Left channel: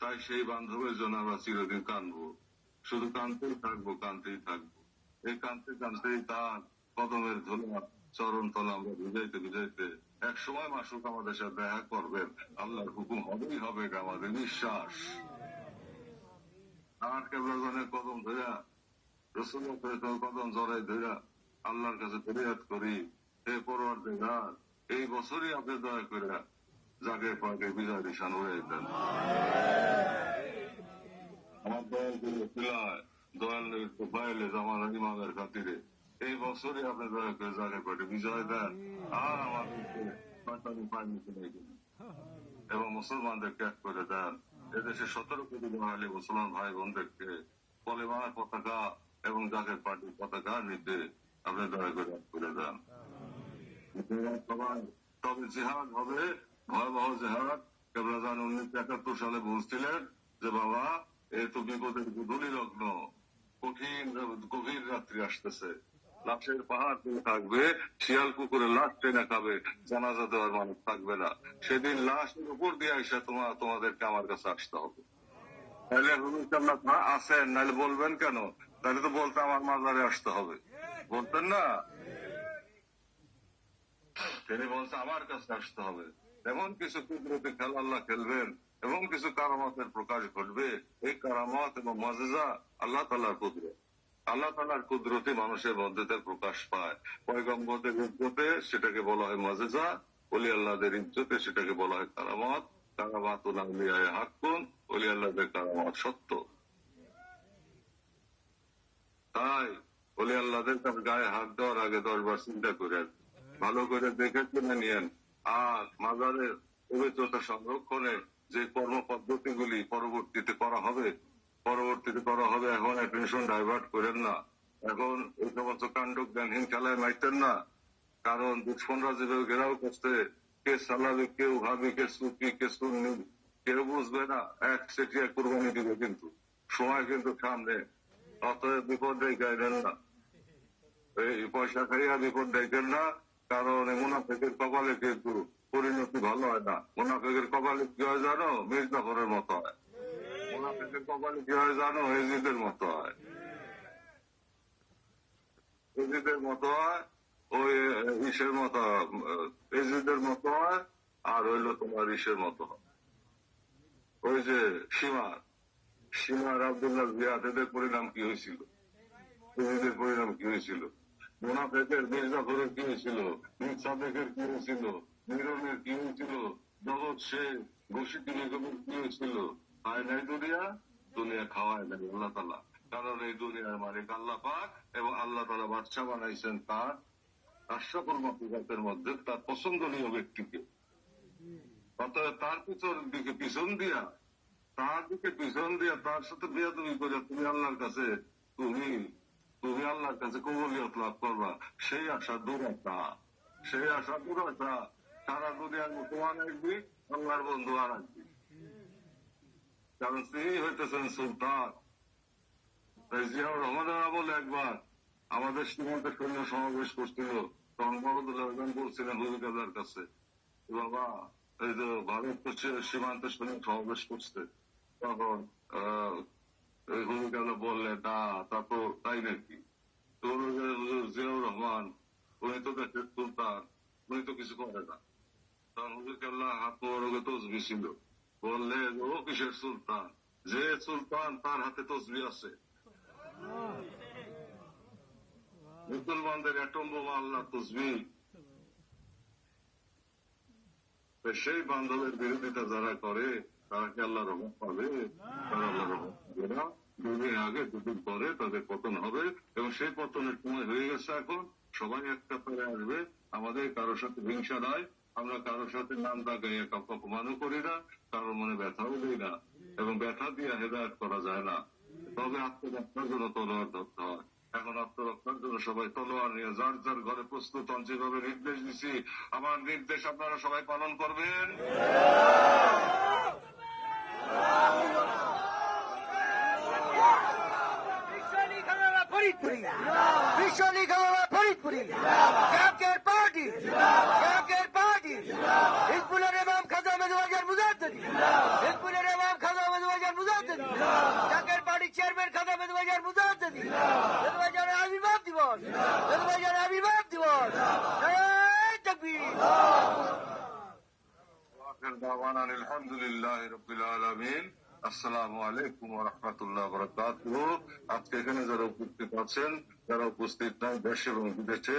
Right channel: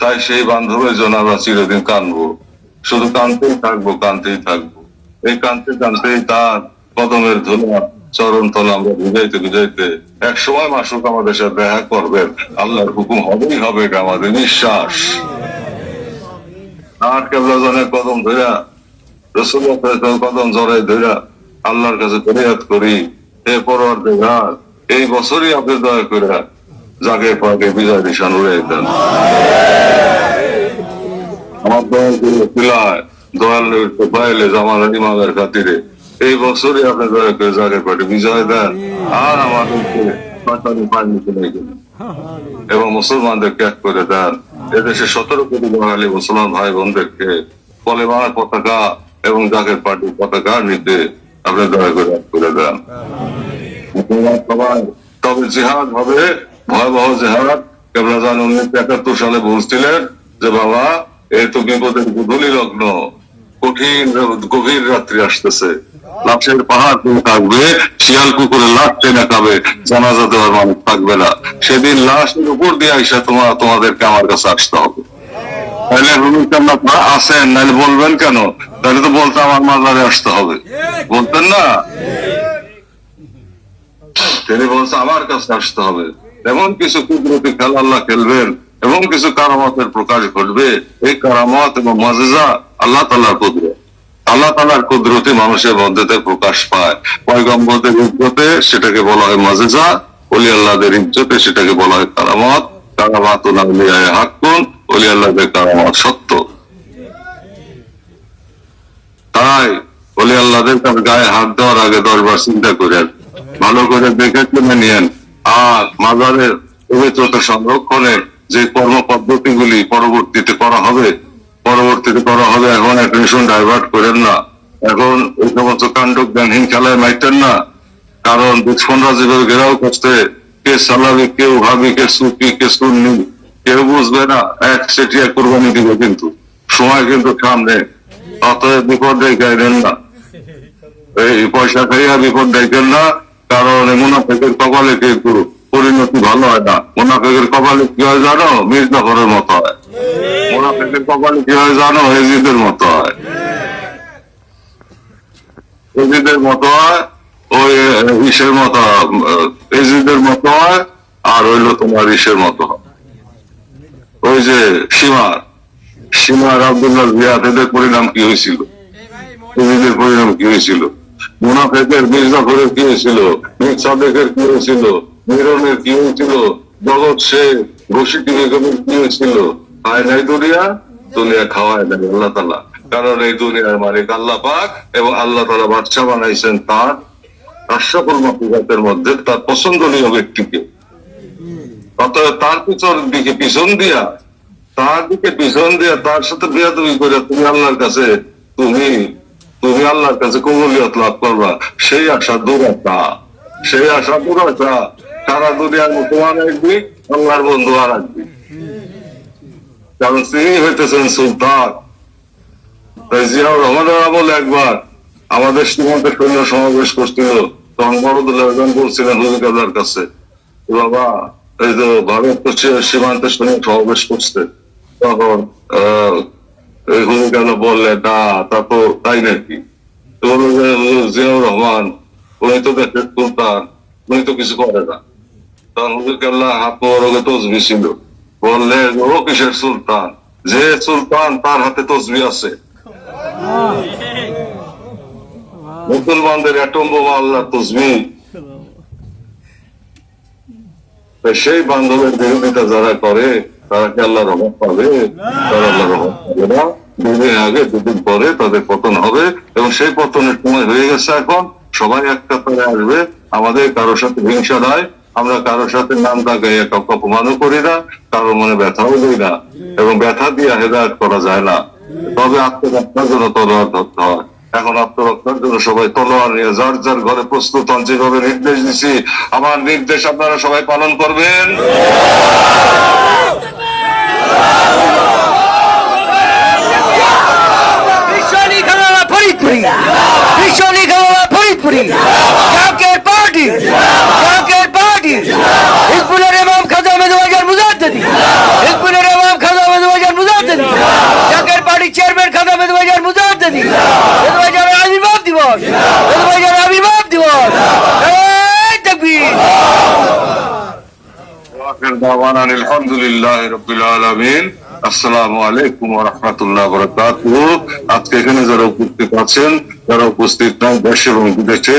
তাই সেই বান্ধবের জন্য আমরা চিরদিন কাঁদবো, শুধু কাঁদতেই থাকবো, কাঁদতেই থাকবো। এই কাঁদতে কাঁদতেই তার কদমের ধুলা চরণ তলা আমরা বুঝাইতে বুঝাইতে এক সময় মাসুক আমাদের সাথে দেখা করবেন। আল্লাহর হুকুম হবেই হবে, এটা আমাদের বিশ্বাস। আর কেবলা জনের কদম ধরা, রাসূলুল্লাহ কদম জড়াই ধরা আল্লাহর কাছে ফরিয়াদ করি, হে পরওয়ারদিগার, এই বছরই আপনি দয়া করে জাগে পাকে বিজয় নিশান উড়াই দেন। আমার দয়াল পাইলে জামাল ইমামের খাতিরে এই বছরই আপনি দয়া করে জাগের পার্টি বিজয় দেন, আর আমাদেরকে এবং মুসলমানদেরকে এক করে দেন। এদেশে 17 কোটি বাঙালি মুসলমান ভাই বোনদেরকে কলেমার পতাকা এবং জাগের পার্টির পতাকা নিতে আপনি দয়া করে এক করে দেন। তবে জিহাদ হবে, ভয়াবহ জিহাদ। কেবলা জান 1971 সালে বলছিলেন যে বাবা এই তো বিপদের গুধূলি লগ্ন, কঠিন গভীর রাত্রি আসতেছে, লাশের পাহাড় থাকবে, শিয়াল কুকুরে লাশ টেনে খাবে, জানাজা দেওয়ার মানুষ থাকবে না। সেদিন লাশের উপর দিয়ে আইসা তোমাদেরকে আমার কাছে আসতে হবে। তাহলে আপনারা আসেন, নাহলে বলবেন কেন? তাহলে তো বলতে আমার মাজারে আসতে হবে, বলতেন না? তিনি বলছে আমার কাছে আসতে হবে। এমন কিছু কুদরতি খেলা আল্লাহ খেলবেন এবং কিছু কারামতের প্রকাশ ঘটবে। এই কারামত এবং মুজিজা আল্লাহ তাআলার কুদরত, আল্লাহ তাআলার কুদরতে মানুষের মধ্যে প্রকাশ পায়। পয়গম্বরদের ইজ্জতে সেটাকে বলা হয় মুজিজা, ওলি আল্লাহদের ইজ্জতে সেটাকে বলা হয় কারামত। কারামাতুল আউলিয়ায়ে হাক্কুন, ওলি আল্লাহদের কারামত সত্য। তাই ওলি আল্লাহদের তার গায়ে হাত দেওয়ার আগে 10 বার চিন্তা করেন, ভালো করে দেখে কিনে নিয়েন। আর মাজারের পবিত্রতা সংরক্ষণে যে কর্ম পদ্ধতিগুলি পরবর্তীতে করা হবে, এখন অ্যাটেনশন ডাইভার্ট করেন না। এখন এই সমস্ত কাণ্ড জ্ঞানহীন খেলায় মাইতেন না। কারণ দুশ্মনরা যেভাবে ঘেরাও করছে, কে সালাবি, কেউ ভাবি, কে সুফি, কে সুন্নি, কেউ বুঝবে না, এক সেটিয়া কোরবানি দিবে। কিন্তু সময় কিন্তু সামনে, অতএব বিপদ দেখাইলেন না, এই পয়সা খাইয়া বিপদ দেখেন না। কারণ মুনাফিকের কপালে কিন্তু পরিণতি ভালো হয় না। মুনাফিকের কপালে কি হয় জানো? মির্জাফরের মতো হয়। মুনাফিকের কপালে কি হয় জানো? এজিদের মতো হয়, এজিদের মতো হয়, ওই ইসের মতো, এজিদের মতো হয়, আর হইলো তোমার ইসের মতো হয়, ওই যে সীমার আব্দুল্লাহ জিয়াদ। এদের পরিণাম কি হয়েছিল? এজিদের পরিণাম কি হয়েছিল? মুনাফিকের মির্জাফরের কি হয়েছিল? মীর সাদেকের কি হয়েছিল? মিরনের কি হয়েছিল? জগৎ শেখ, রশিদি বেগমের কি হয়েছিল? খায় নাই দুনিয়া খাওয়ায় নাই আল্লাহ তাআলা। কারণ এই দুনিয়ার মালিক আল্লাহ পাক, এবং আল্লাহ তাআলা বাদশা বানাইছেন তার আশরাফুল মাখলুকাতের মধ্যে তার পছন্দনীয় ব্যক্তিকে। অতএব তার পিছন দিয়া তার সাথে বিয়াদবি করে তুমি আল্লাহর কাছে কবুলিয়ত লাভ করবা, সেই আশা দূরতা। সারা দুনিয়ার মুসলমান একদিক, আল্লাহর বন্ধু আর একদিক। কারণ তিনি হইতেছেন সুলতান। তাই জিয়াউর রহমানের আমলে একবার আমাদের সীমান্তের সৈন্য সমাবেশ করছিল, তখন বড়দুল্লাহ বলছিলেন হুজুর কেবলার কাছে, বাবা এই যে ভারত সীমান্তের সৈন্য সমাবেশ করছে, তখন এই হুজুর কেবলা বললেন না, তা তো তাই নাকি? জিয়াউর রহমান উনি তো দেশের সুলতান, উনি তো কিছু করে না। তখন হুজুর কেবলা হাত মোবারকে তসবিহ ছিল, বললেন ও কিসের সুলতান? যে সুলতান তার হাতে তসবিহ আছে। মুসলমানদের অ্যাটম বোমা আল্লাহর তসবিহ। সেই বান্ধবের বিরোধিতা যারা করে তারা কি আল্লাহর রহমত পাবে? তারা আল্লাহর রহমত পাবে না। দুদিন আগে দুদিন পরে তাদের পতন হবে, এবং সেই পতনের সময় হয়ে গেছে। এখন সবাই একটা করে আসবে। আমাদের কারোর সাথে হিংসা নাই, আমরা কারোর সাথে নাম দাগাইয়া কাউকে অপমানও করি না, কারোর মনে ব্যথাও দিই না, এবং ব্যথা দিয়ে হেদায়েত করা যায় না। তবে আত্মরক্ষার জন্য তলোয়ার ধরতে হয়। এখন আত্মরক্ষার জন্য সবাই তলোয়ার নিয়ে যার যার ঘরে প্রস্তুত হন। যেভাবে নির্দেশ দিচ্ছি, আমার নির্দেশ আপনারা সবাই পালন করবেন। পার্টি হিজবুলের ইমাম খাজা মেজবাজার মুজাদ্দিদি বাজারের আবির্ভাব দিবস, বাজারের আবির্ভাব দিবস। এই তাকবীর। ওয়াখির দাওয়ানা আলহামদুলিল্লাহি রাব্বিল আলামিন। আসসালামু আলাইকুম ওয়া রাহমাতুল্লাহি ওয়া বারাকাতুহু। আজকে এখানে যারা উপস্থিত আছেন, যারা উপস্থিত নন দেশে এবং বিদেশে,